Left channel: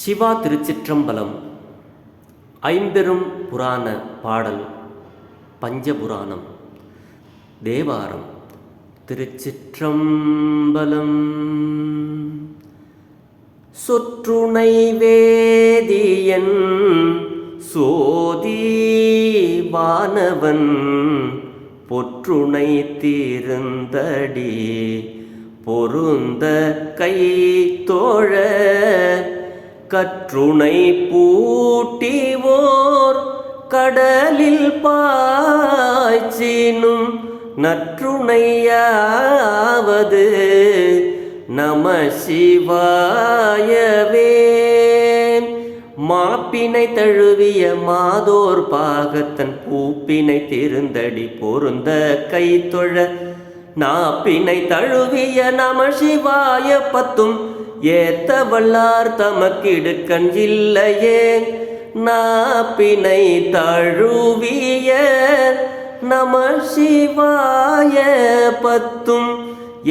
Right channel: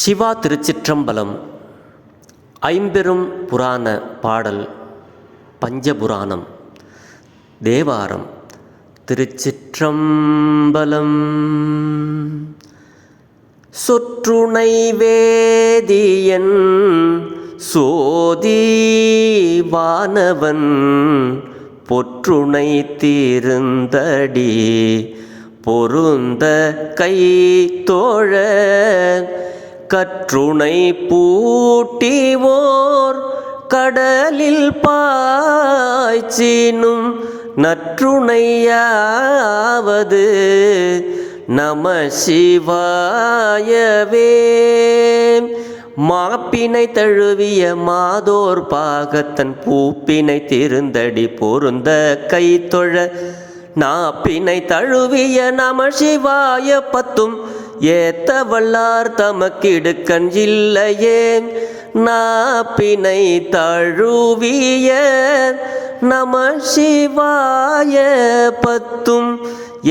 சிவா திருச்சிற்றம்பலம். ஐம்பெரும் புராண பாடல் பஞ்சபுராணம் தேவாரம். திருச்சிற்றம்பலம். சொற்றுணை வேதியன் சோதிவானவன் பொற்றுணை தீர்ந்தடி பொருந்த கை தோழ கற்றுணை பூட்டிவோர் கடலில் பாய்ச்சினும் நற்றுணையாவது நம சிவாயவே. மாப்பினை தழுவிய மாதோர் பாகத்தன் பூப்பினை திருந்தடி பொருந்த கை தொழ நாப்பினை தழுவிய நம சிவாய பத்தும் ஏத்த வல்லார் தமக்கிடுக்கண் இல்லையே. நாப்பினை தழுவிய நம சிவாய பத்தும்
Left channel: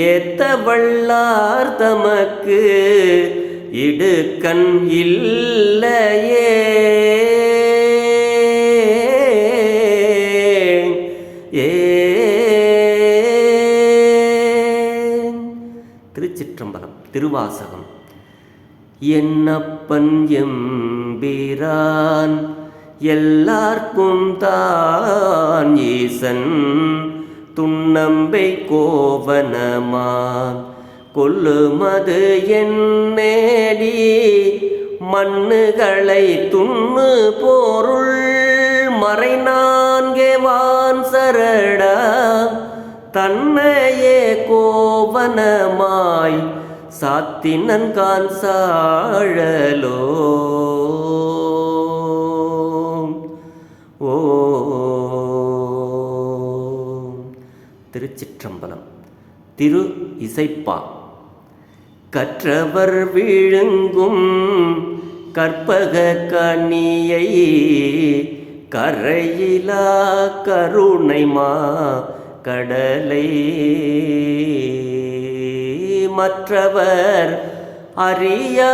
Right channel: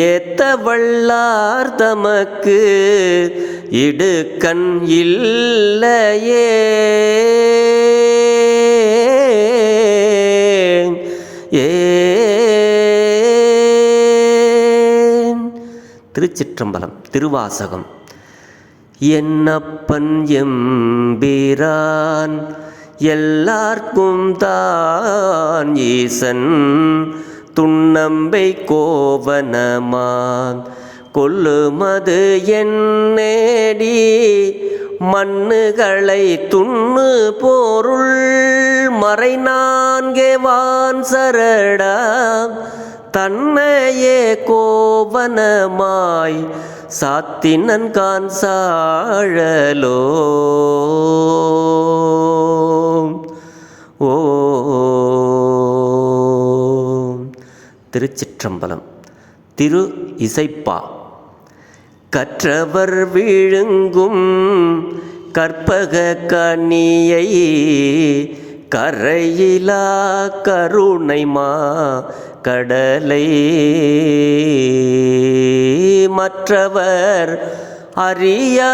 ஏத்த வல்லார் தமக்கு இடுக்கண் இல்லையே. திருச்சிற்றம்பலம். திருவாசகம். என்னப்பன் எம்பிரான் எல்லார்க்கும் தான் ஈசன் துண்ணம்பை கோவனமான் கொல்லுமது என்னேடி மண்ணுகளை துண்ணு பொருள் மறை நான்கே வான் சரடா தன்னையே கோவனமாய் சாத்தினன் கான் சாழலோ. ஓ திருச்சிற்றம்பலம். திரு இசைப்பா. கற்றவர் விழுங்கும் கற்பக கனியை கரையிலா கருணைமா கடலை மற்றவர் அறியா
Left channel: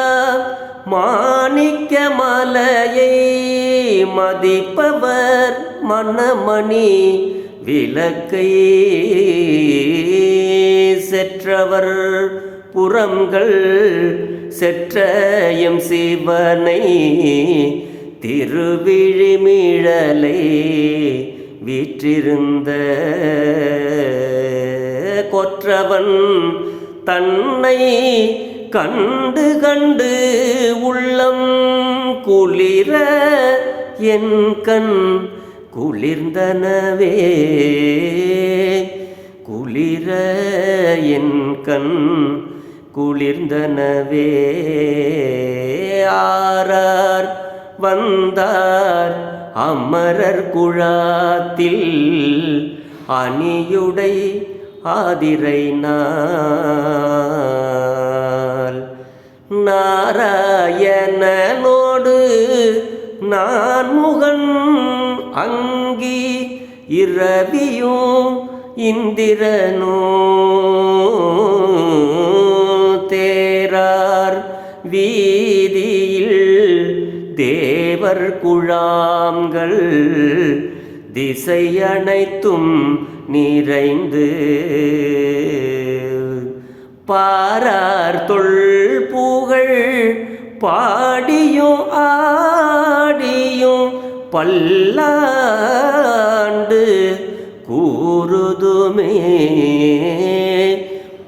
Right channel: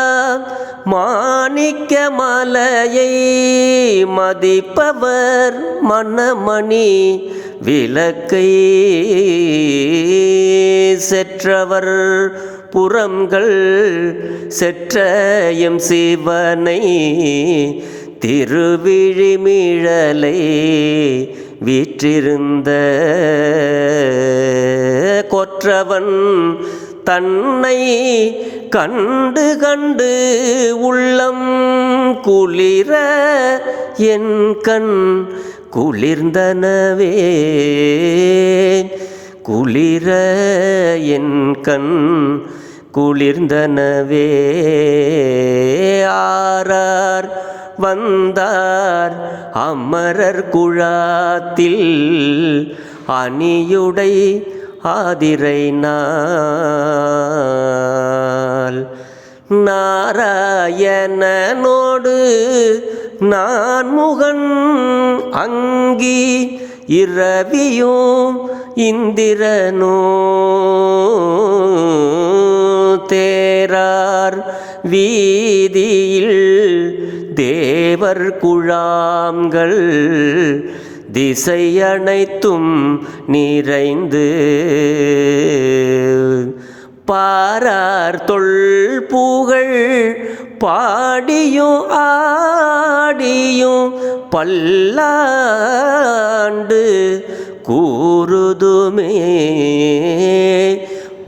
மாணிக்க மலையை மதிப்பவர் மனமணி விளக்கை செற்றவர் புறங்கள் செற்றையும் சிவனை திருவிழிமிழலை வீற்றிருந்த கொற்றவன் தன்னை கண்டு கண்டு உள்ளம் குளிர என் கண் குளிர்ந்தனவே. குளிர என் கண் குளிர்ந்தனவே. ஆரார் வந்தார் அமரர் குழாத்தில் அணியுடை ஆதிரை நாள் நாராயணனோடு நான் முகன் அங்கி இரவியும் இந்திரனோ தேரார் வீதியில் தேவர் குழாம்கள் திசை அனைத்தும் நிறைந்து பாரார் தொல் புகழ் பாடியோ ஆடியோ பல்லாண்டு கூறுதுமே.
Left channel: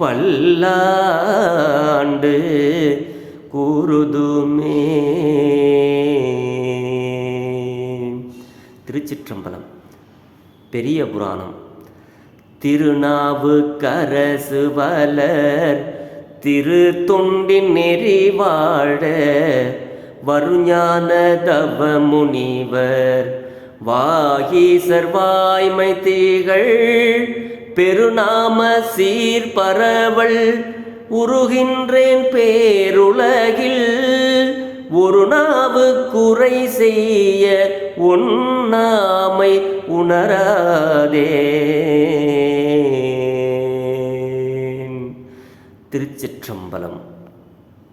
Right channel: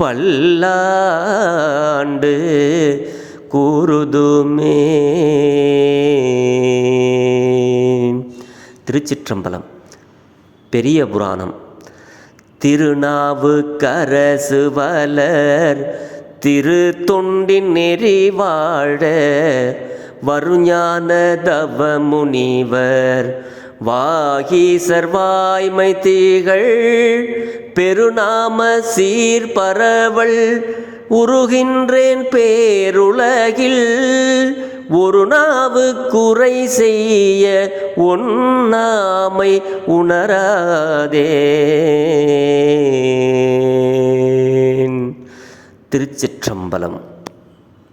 பல்லாண்டு கூறுதுமே. திருச்சிற்றம்பலம். பெரிய புராணம். திருநாவுக்கரசு வலர் திரு தொண்டின் நெறிவாழ வருஞான தவ முனிவர் வாகீசர் வாய்மை தீகள் பெருநாம சீர் பரவல் உருகின்றேன் பேருலகில் ஒரு நாவு குறை செய்ய உன்னாமை உணரா